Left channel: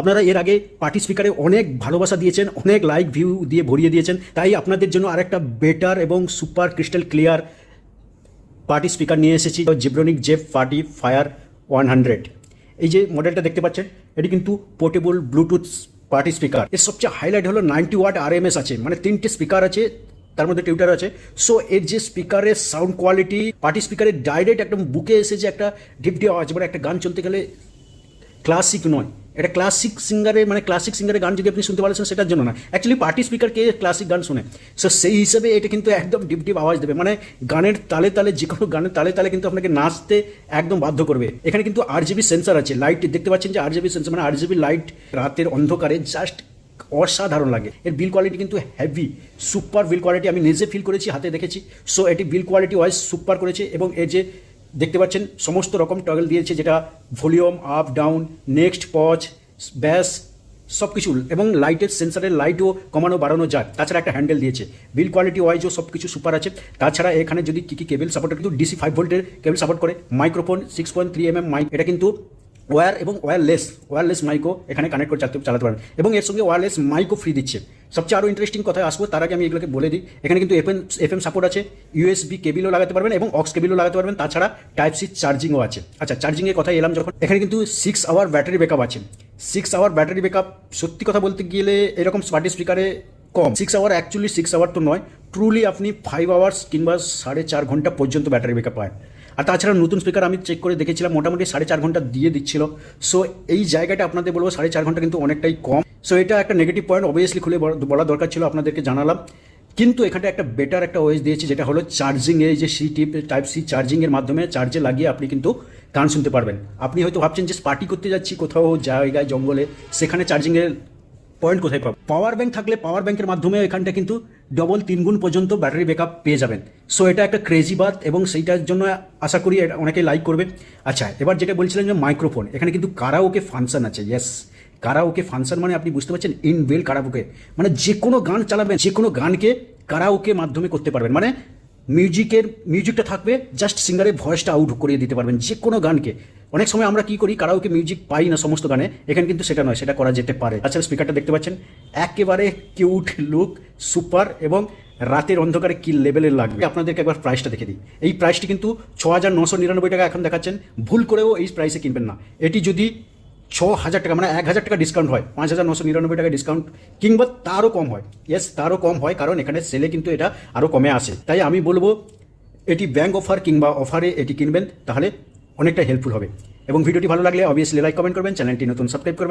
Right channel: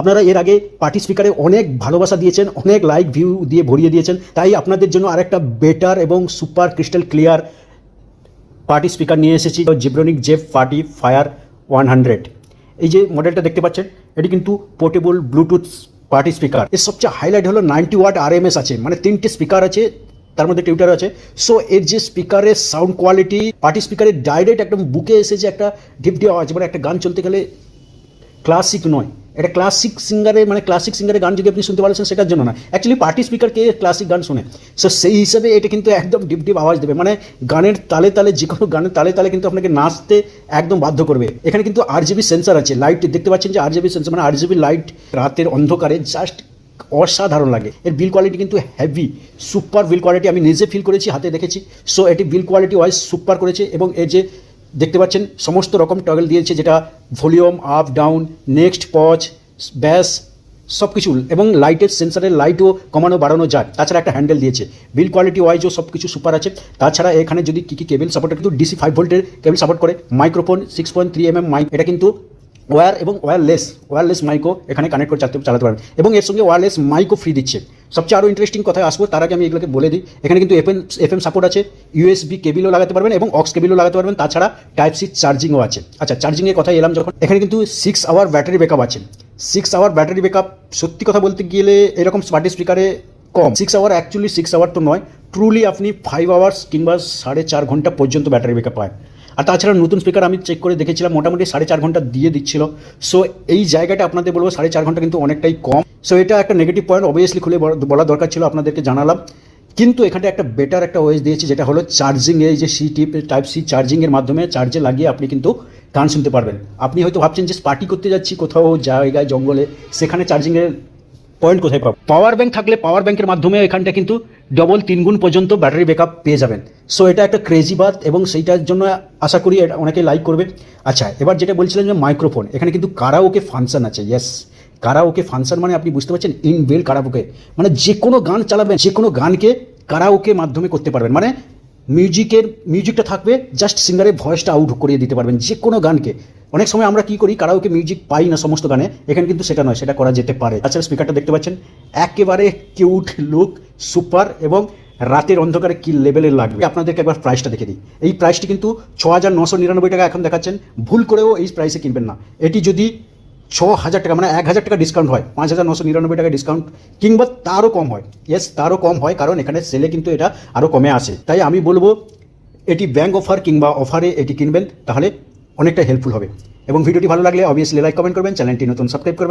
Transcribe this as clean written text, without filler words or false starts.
আপনারা এর আগে পার্টি স্পিকারে অনেক ভালোবাসা দিয়েছেন, অনেক লাইক ভিউ দিয়ে ভরিয়ে দিয়েছেন, তাই আপনাদের জন্য আরেকটা বেটার এবং super crystal clear party speaker নিয়ে এসেছি, জিব্রনিক জেফ পার্টি ফায়ার 100। এই যে মডেলটা দেখতে পাচ্ছেন, এটি কিন্তু পোর্টেবল ব্লুটুথ পার্টি স্পিকার। এর সবচেয়ে হাইলাইট হলো 90 ওয়াট RMS আছে, মানে 3টে স্পিকার আছে, তার মধ্যে টিউটার আছে। সো এর যে স্পিকারের সাউন্ড কোয়ালিটি, পার্টি স্পিকারের ডাইরেক্ট একদম বুকে এসে যে একটা ডিপটি আওয়াজ, মানে একটা গান চলতে গেলে ক্লাসিক নয়, এটা ক্লাসিক সিঙ্গারের, মানে ক্লাসিক সিঙ্গারের গান যদি আপনি শুনতে পারছেন সেটার জন্য না, অ্যাকচুয়ালি পার্টি স্পিকার কি ক্লাসিক গান শুনে, সো সেই হিসাবে এটা কিন্তু একদম ডিপ ডিপ আওয়াজ দেবে, মানে গানের তালে তালে, যে কোনো গানের তালে তালে কিন্তু আপনাকে নাচতে একদম বাধ্য করবে। এখানে কিন্তু RGB সেন্সার আছে, লাইট দেখতে পাচ্ছেন যে RGB সেন্সার, মানে RGB লাইট রাতের অন্ধকারে জাস্ট অসাধারণ লাগে। এর বিল কোয়ালিটি কিন্তু হেভি, সুপার বিল কোয়ালিটি, আমি নিজে ফিল করেছি, হাতে দেখেছি। সো এটি বিল কোয়ালিটি ওয়াইজ সুপার করেছে, এবং এর যে দেখতে পাচ্ছেন সমস্ত রকম টগল দিয়েছে, যেটা volume up down, next pause, ব্যাস সব কিছু, এবং লাইটের সেন্সারের লাইটও কমানো বাড়ানো যায়। তাছাড়া একটা হ্যান্ডেল দিয়েছে, বিল কোয়ালিটি ওয়াইজও সব কিছু সুপার আছে। তাছাড়া এখানে যদি কী কেবল সাপোর্ট, কিন্তু DC 5 ভোল্টের কেবল সাপোর্ট করে, মাইক্রোফোন 6.3 mm মাইক, এটা কিন্তু ওয়্যার এবং ওয়্যারলেস মাইকও এখানে কানেক্ট করে চালাতে পারেন, এবং এর সঙ্গে ওয়্যারলেস মাইকও ফ্রি দিচ্ছে। সবচেয়ে আরও ইন্টারেস্টিং কথায় আসবো, তার আগে আমি এগুলোকে বলে দিই, এখানে কিন্তু FM সাপোর্ট আছে, USB কেবিলও লাগাতে পারবেন এবং অক্স কেবিলও লাগাতে পারবেন, তাছাড়া টাইপ সি চার্জিংও আছে। আচ্ছা, চার্জিংয়ের কথা এলাম যখন, এখানে কিন্তু 6 আওয়ার ব্যাটারি ব্যাকআপ আছে। 6 আওয়ার ব্যাটারি ব্যাকআপ সত্যি কথা বলতে গেলে এরকম স্মার্ট স্পিকারে কম। 6 আওয়ার, অ্যাকচুয়ালি 6 আওয়ার তো নয়, ট্রুলি আপনি 5 আওয়ার্স কিংবা 4.5 ঘন্টা পর্যন্ত ব্যাটারি ব্যাকআপ পায়। আর তাছাড়া নতুন স্পিকার আমি চেক করে দেখেছিলাম, মোটামুটি 4.5 ঘন্টা দিয়ে দিচ্ছিল। সো এই জায়গাটা আপনাদের বলবো 4.5 ঘন্টা কিন্তু অনেকটাই কম। সো এটা একটা নেগেটিভ পয়েন্ট, অবভিয়াসলি খুলে বলা দরকার ছিল, আপনাদেরকে জানালাম। কিন্তু এখানে একটা বেটার একটা ওয়েজ দিয়েছি, যেটা হলো চার্জিং, এই যে টাইপ সি চার্জিংয়ের মাধ্যমে চার্জে লাগিয়ে আপনি কিন্তু গান শুনতে পারবেন। আপনি হয়তো ভাবছেন যে পার্টি করতে যাচ্ছি কোথাও জায়গায় জঙ্গলে, সেখানে চার্জিংয়ের পয়েন্ট কোথায় পাবো? পাওয়ার ব্যাংক থাকলে পাওয়ার ব্যাংকের মাধ্যমে এখানটা কিন্তু ডবল 3 গুণ পর্যন্ত ব্যাটারি ব্যাকআপ পেয়ে যাবেন। সো এটা একটা ক্রেজি বাত, এবং সেইটার জন্য আশা করি এটা অনেকেই লাইক করবে। আচ্ছা, এবার যেটা বলছিলেন যে মাইক্রোফোন, এখানে কিন্তু কারাওকে ফাংশন আছে। ইয়েস, কারাওকে ফাংশন মানে আপনি বুঝতে পারছেন, ইনবিল্ট কারাওকে, মানে যে কোনো গান চালাবেন, যে কোনো গানকে কারাওকে মাধ্যমে করতে পারবেন, মানে মিউজিকটা থাকবে, জাস্ট সিঙ্গারের ভয়েসটা আউট করিয়ে দিতে পারবেন যে কোনো গানকে। অনেক সময় আমরা কি করি, কারাওকে মিউজিক পাই না সমস্ত গানে, এখানে কিন্তু সেটা নয়, সেটা করা যেতে পারে। আচ্ছা, স্পিকারটা দেখতে পাচ্ছেন, একেবারে কিউট লুক, সুপার, এবং রাতের অন্ধকারে কি লেভেলের লাগবে। আপনাদেরকে একবার প্রাইসটা দেখে দিই। এই প্রাইসটি কিন্তু 6,999 টাকা এখন দেখাচ্ছেন, ভুল করেও এই প্রাইসে কিনবেন না। এটি যদি 6,000 টাকা, মানে 1,000 টাকা ডিসকাউন্ট হয়, 5,999 টাকা ডিসকাউন্ট, কিংবা তারও কম হয়, ইয়েস তারও কম হয়, কারণ এখানে সেলে কিন্তু এটা আরও কমে আসে। তাই আমি বলবো এটি ব্যাংক অফার কিংবা অফারে এটি কিনবেন, তাহলে অনেকটা হেল্পফুল হবে। এবং ভিডিওটি ভালো লাগলে অবভিয়াসলি লাইক কমেন্ট করবেন, চ্যানেলটি নতুন সাবস্ক্রাইব করবেন।